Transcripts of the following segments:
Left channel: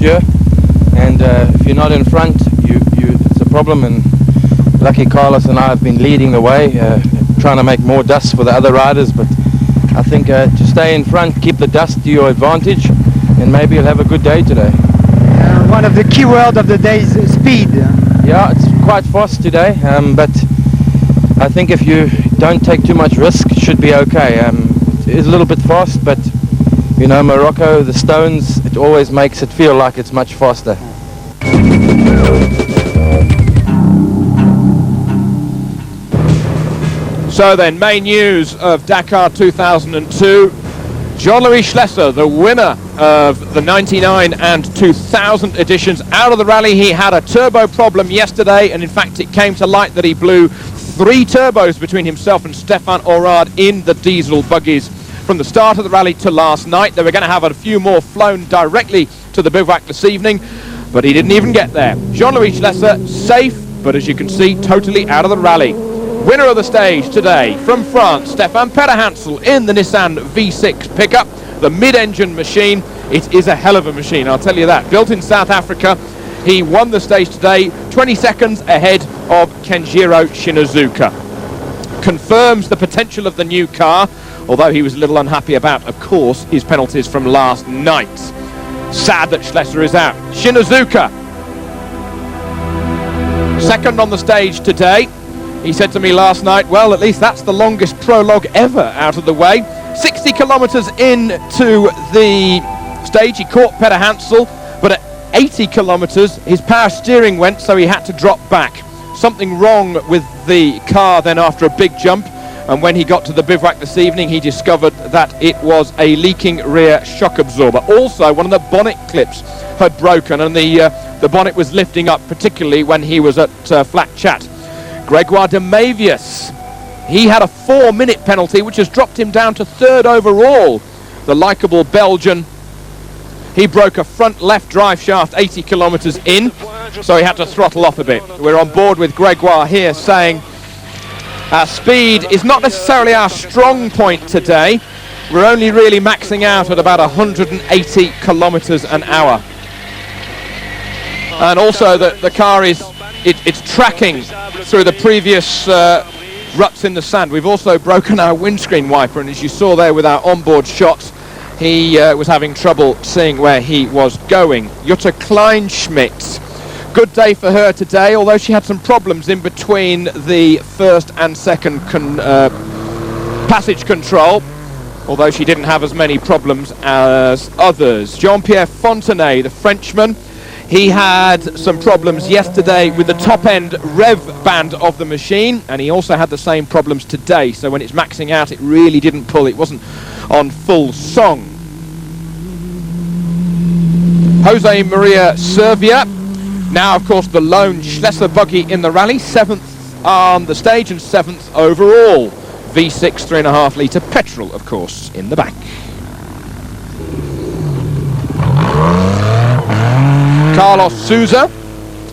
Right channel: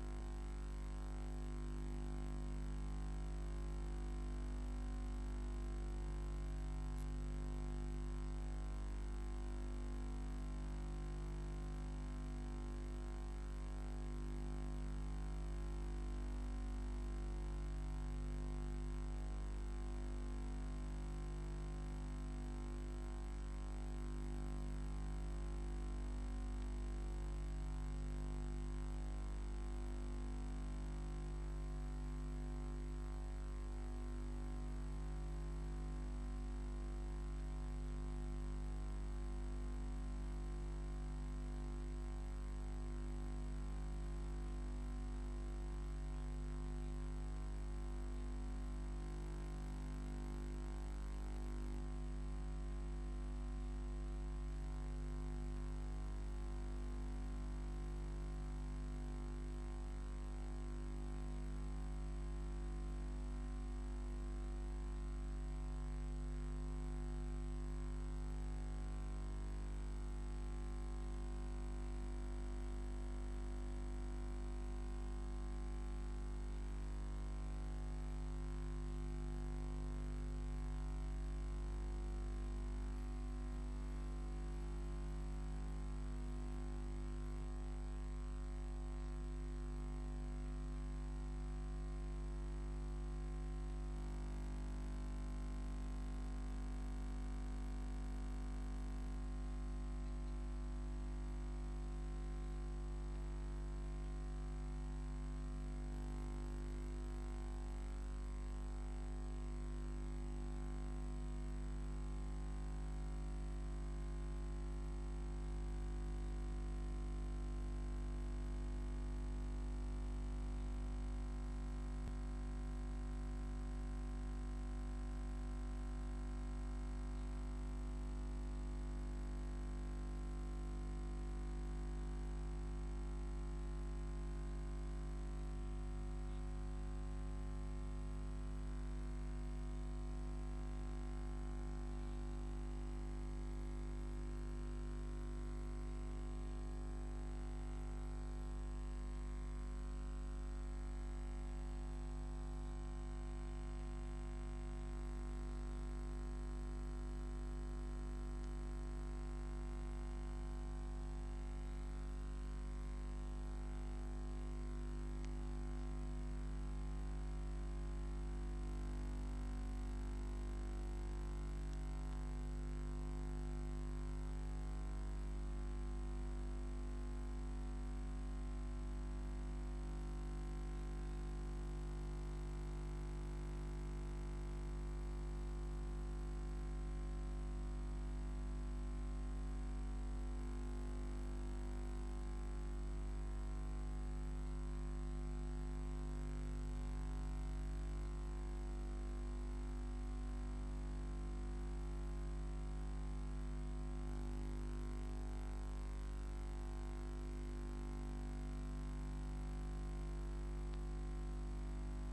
last year, and if you're not in front, it's a problem. And lucky Carlos and I have been leading the way, trying to make more dust for the other riders. But I think to stay in front, keep the dust to your advantage, and maybe you'll have a good day today. One of the key words of the day is speed. Yeah, it's quite fast today, but I think if you don't take too much risk, it should be okay. It is a little bit fast, but you know, Morocco, the stones, it always makes it feel like it's much faster. So then, main news of Dakar 2002. Jean-Louis Schlesser, the winner of the 99 and 2000 editions, out of the rally. He had a turbo problem yesterday, and in fact it came to light that he blew 3 turbos between himself and Stefan Orad in the diesel buggies from the start of the rally to last night. They were going to have a few more flown directly to the bivouac this evening, but he didn't even get there. Jean-Louis Schlesser, safe, but as you can see, totally out of the rally. Winner of the stage today from France, Stefan Petterhansel in the Nissan V6 pickup, the mid-engine machine. It is a hell of a machine, I'll tell you that. Built in South Africa, he won the stage today, 20 seconds ahead of Kenjiro Shinazuka. Confirms the potential of the new car, although he was a little unhappy about, of course, his penalties from last night. Sad that Schlesser is out. Shinazuka, second on the stage today. He said to me last night, well, at least that's the longest prologue ever out of the way. 60 kilometres into the stage, he caught Petterhansel, but at 80 kilometres, his power steering went, so he had to drop back. Something wrong with the car then after a big jump, and when he got to the bivouac this evening, he discovered that it was a leaking rear shock absorber. Also, one of the bonnet clips had broken, and the bonnet was lifting up, particularly when he was at flat chat. Gregoire de Mavius, he had a 4-minute penalty, which has dropped him down to 3rd overall. The likeable Belgian, he broke a front left drive shaft 80 kilometres in, so he had to throttle off a bit. We're on board with Gregoire here saying our speed is not necessarily our strong point today. We're only really maxing out at about 180 kilometres an hour. And also the car is it's tracking through the previous ruts in the sand. We've also broken our windscreen wiper, and as you saw there with our onboard shots, he was having trouble seeing where he was going. Jutta Kleinschmidt, good day for her today, although she had some problems in between the first and second passage control, although she didn't have as many problems as others. Jean-Pierre Fontenay, the Frenchman, he had some problems yesterday with the top-end rev band of the machine, and he also had the same problems today. So when it's maxing out, it really didn't pull. It wasn't on full song. Jose Maria Servia, now, of course, the lone Schlesser buggy in the rally, 7th on the stage and 7th overall. V6 3.5-litre petrol, of course, in the back. Carlos Souza,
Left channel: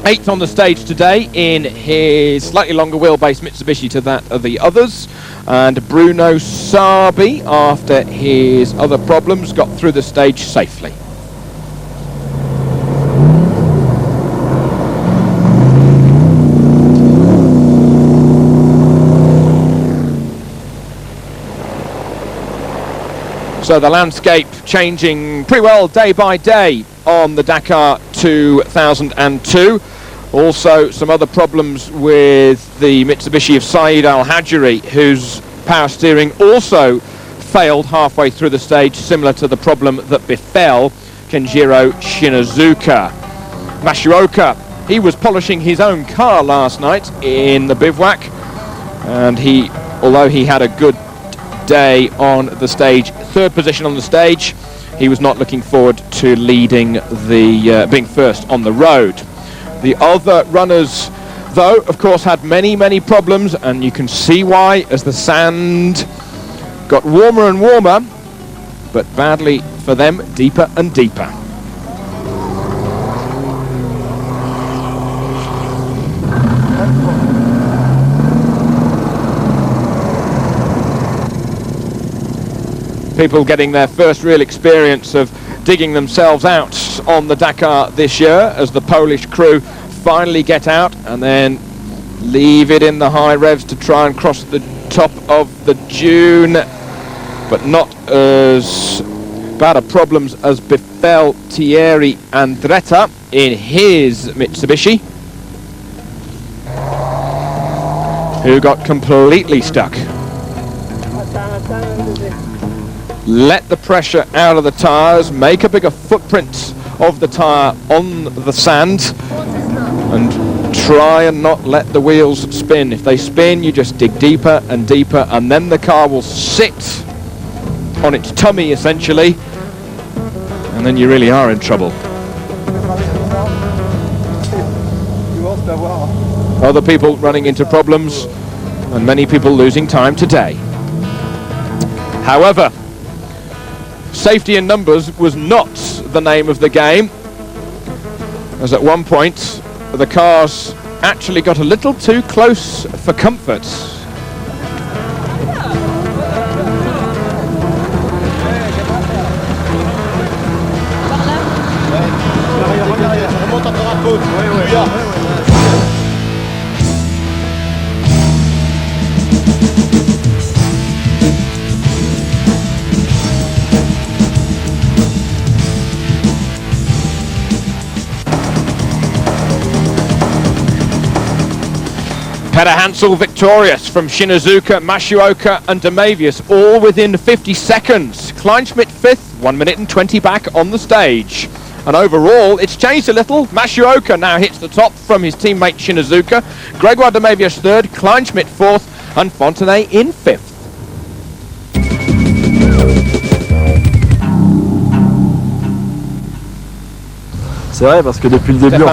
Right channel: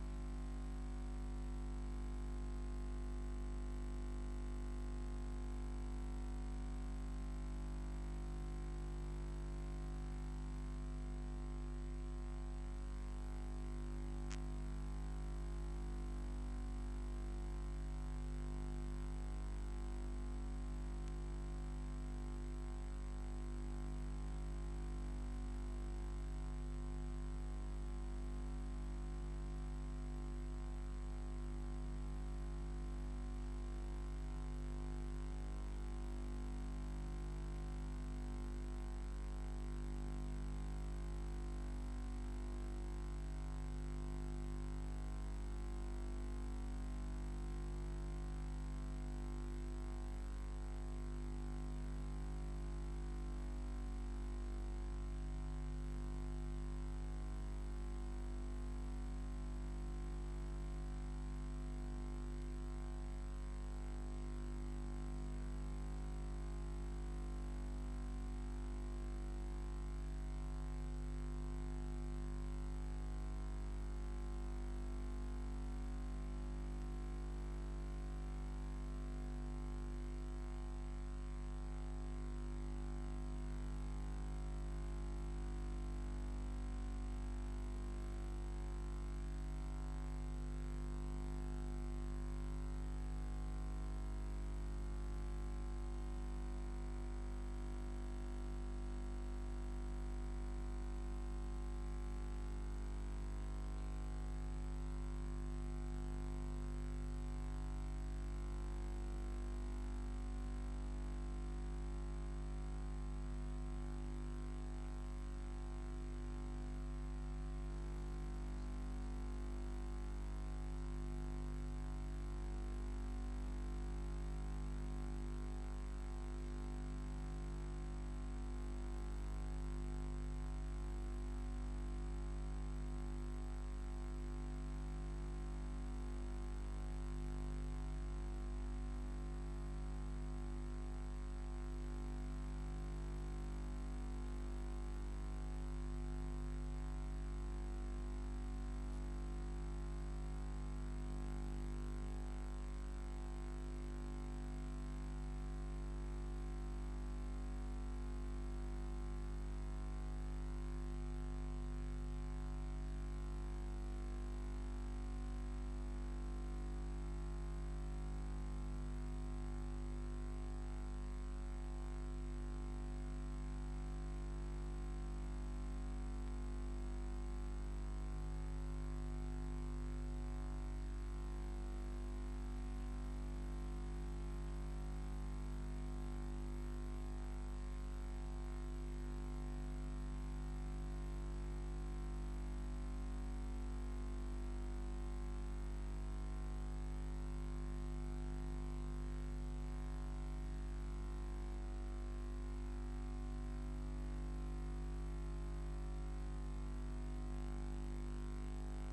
8th on the stage today in his slightly longer wheelbase Mitsubishi to that of the others. And Bruno Sabi, after his other problems, got through the stage safely. So the landscape changing pretty well day by day on the Dakar 2002. Also some other problems with the Mitsubishi of Saeed Al-Hajri, whose power steering also failed halfway through the stage, similar to the problem that befell Kenjiro Shinazuka. Mashioka, he was polishing his own car last night in the bivouac, and although he had a good day on the stage, 3rd position on the stage, he was not looking forward to leading being first on the road. The other runners, though, of course, had many problems, and you can see why as the sand got warmer and warmer, but badly for them, deeper and deeper. People getting their first real experience of digging themselves out on the Dakar this year as the Polish crew finally get out and then leave it in the high revs to try and cross the top of the dune, but not as bad of problems as befell Thierry Andretta in his Mitsubishi, who got completely stuck. Let the pressure out of the tyres, make a bigger footprint of the tyre on the sand, and try and not let the wheels spin. If they spin, you just dig deeper and deeper, and then the car will sit on its tummy essentially, and then you really are in trouble. Other people running into problems, and many people losing time today. However, safety in numbers was not the name of the game, as at one point the cars actually got a little too close for comfort. Peter Hansel victorious from Shinazuka, Masuoka and Damavius, all within 50 seconds. Kleinschmidt 5th, 1 minute and 20 back on the stage. And overall, it's changed a little. Masuoka now hits the top from his teammate Shinazuka. Gregoire Damavius 3rd, Kleinschmidt 4th and Fontenay in 5th. Stefan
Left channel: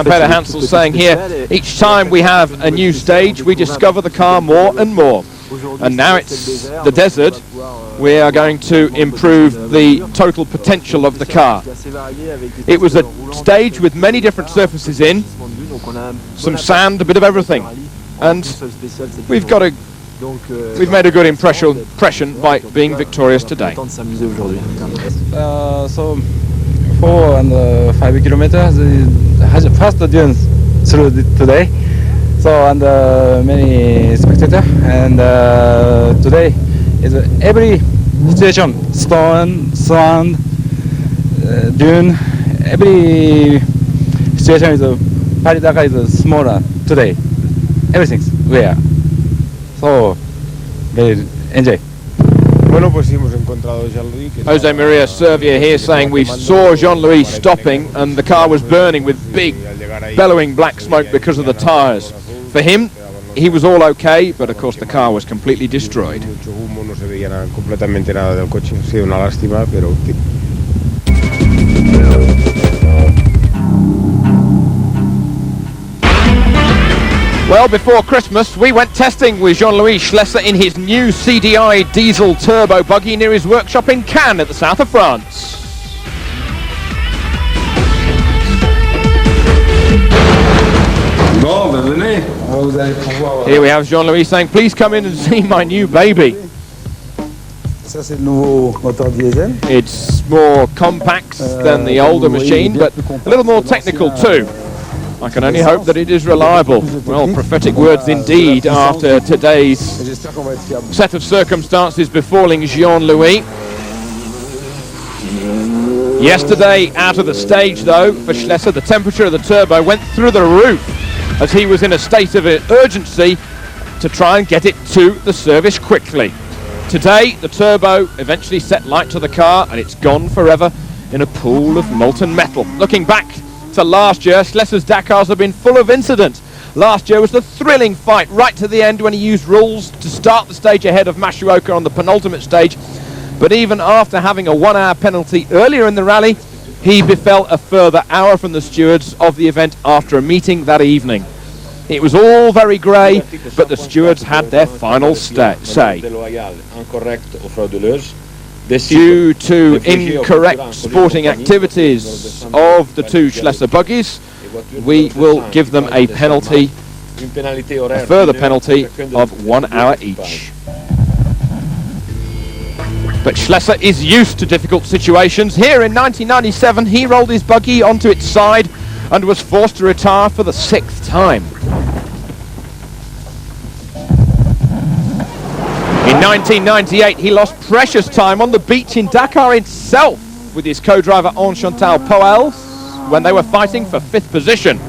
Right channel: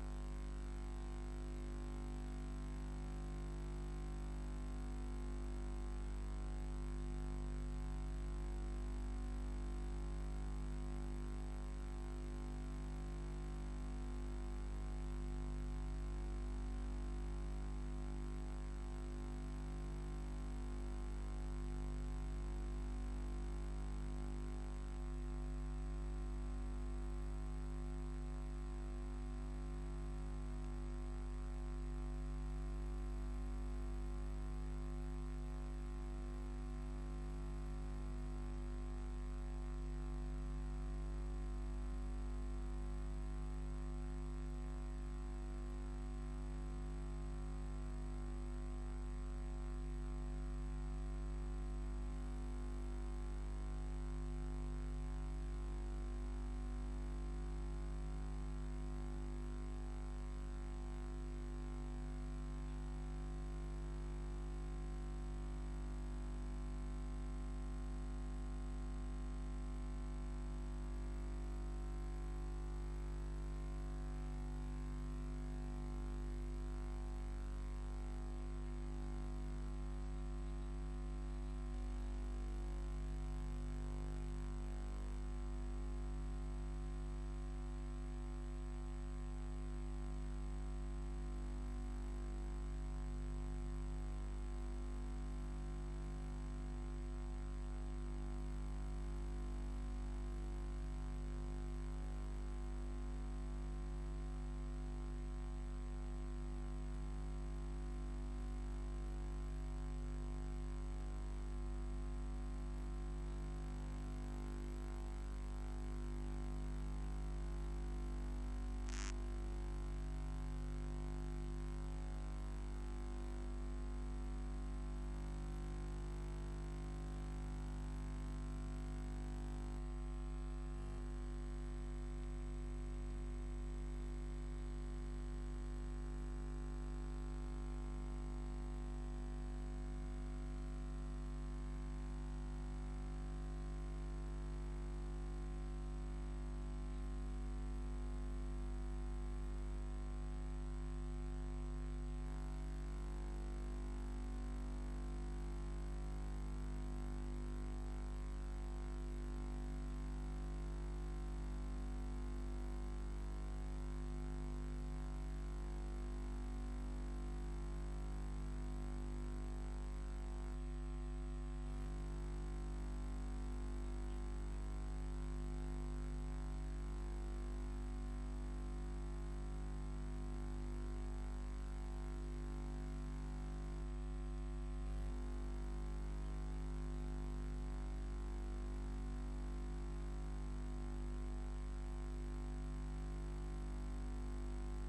Peter Hansel saying here, each time we have a new stage, we discover the car more and more. And now it's the desert, we are going to improve the total potential of the car. It was a stage with many different surfaces in, some sand, a bit of everything. And we've made a good impression by being victorious today. So 4 and 5 kilometers has fast dunes through today. So and many spectators, and today is every situation, stone, sand, dune, every situation is Paris Dakar is smaller today. Everything's there. So very enjoy. Jose Maria Servia here saying we saw Jean-Louis stopping and the car was burning with big bellowing black smoke because of the tyres. For him, he was all okay, but of course the car was completely destroyed. Well, before Christmas, we went testing with Jean-Louis Schlesser in his new CDI diesel turbo buggy near his workshop in Cannes at the south of France. Here we have Jean-Louis saying, please come in and see my new baby. It's more compact than the older machine, but a little more technical too. I can only hope that it is reliable. Well, prophetic words indeed after today's set of circumstances befalling Jean-Louis. Yesterday, out of the stage though, for Schlesser, the temperature of the turbo went through the roof as he was in a state of urgency to try and get it to the service quickly. Today, the turbo eventually set light to the car and it's gone forever in a pool of molten metal. Looking back to last year, Schlesser's Dakars have been full of incident. Last year was the thrilling fight right to the end when he used rules to start the stage ahead of Masuoka on the penultimate stage. But even after having a 1 hour penalty earlier in the rally, he befell a further hour from the stewards of the event after a meeting that evening. It was all very grey, but the stewards had their final say. Due to incorrect sporting activities of the two Schlesser buggies, we will give them a penalty, a further penalty of 1 hour each. But Schlesser is used to difficult situations. Here in 1997, he rolled his buggy onto its side and was forced to retire for the 6th time. In 1998, he lost precious time on the beach in Dakar itself with his co-driver Enchantal Poels when they were fighting for 5th position.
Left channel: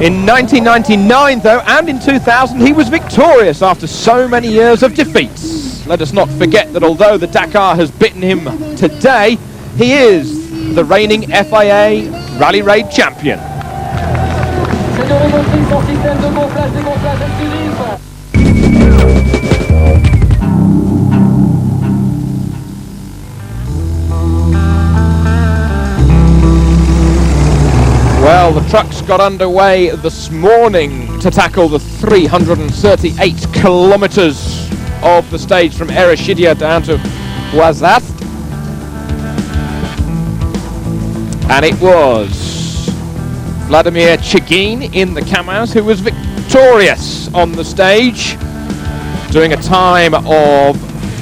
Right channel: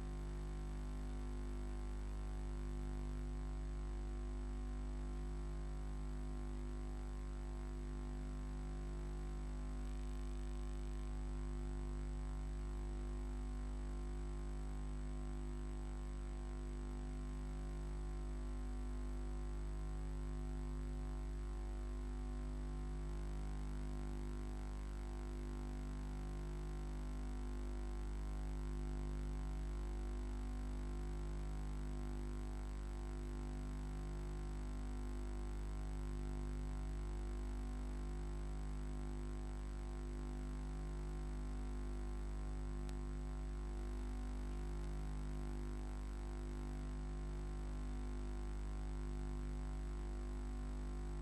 In 1999, though, and in 2000, he was victorious after so many years of defeats. Let us not forget that although the Dakar has bitten him today, he is the reigning FIA Rally Raid champion. Well, the trucks got underway this morning to tackle the 338 kilometers of the stage from Ereshidia down to Ouazat. And it was Vladimir Chigin in the Kamaz who was victorious on the stage, doing a time of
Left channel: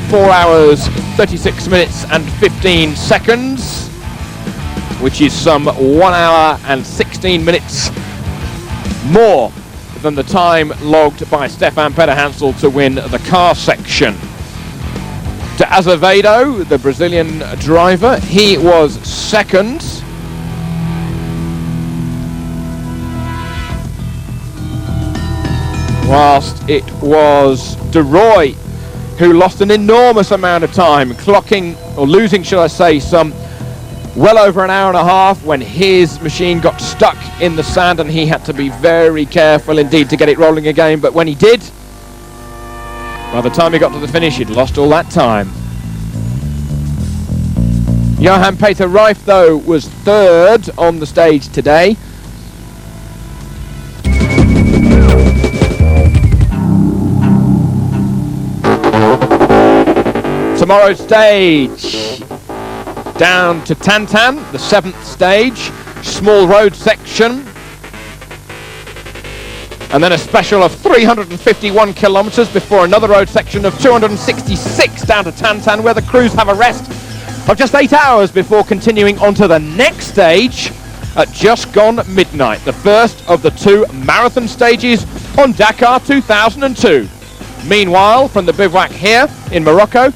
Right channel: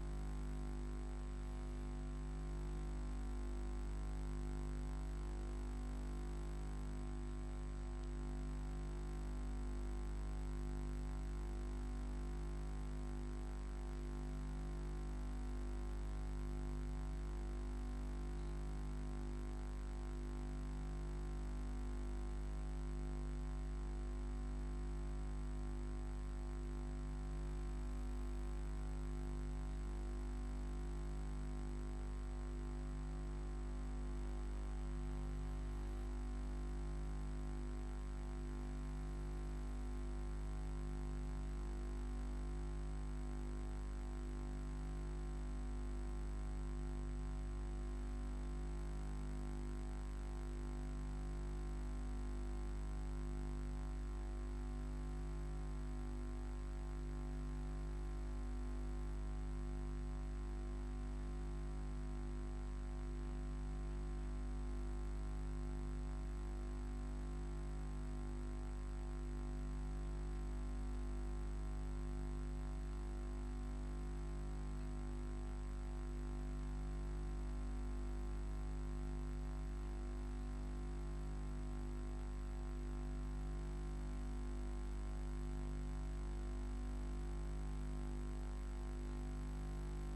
4 hours, 36 minutes and 15 seconds, which is some 1 hour and 16 minutes more than the time logged by Stefan Pederhansel to win the car section. De Azevedo, the Brazilian driver, he was second. Whilst it was De Roy who lost an enormous amount of time, clocking, or losing, shall I say, some well over an hour and a half when his machine got stuck in the sand and he had to be very careful indeed to get it rolling again. But when he did, by the time he got to the finish, he'd lost all that time. Johan Peter Reif, though, was third on the stage today. Tomorrow's stage, down to Tantan, the 7th stage, small road section, and then a special of 351 kilometers before another road section of 266 down to Tantan, where the crews have a rest of just 8 hours before continuing on to the next stage at just gone midnight, the first of the 2 marathon stages on Dakar 2002. Meanwhile, from the bivouac here in Morocco,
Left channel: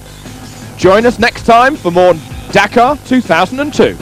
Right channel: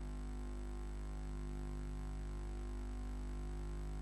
join us next time for more Dakar 2002.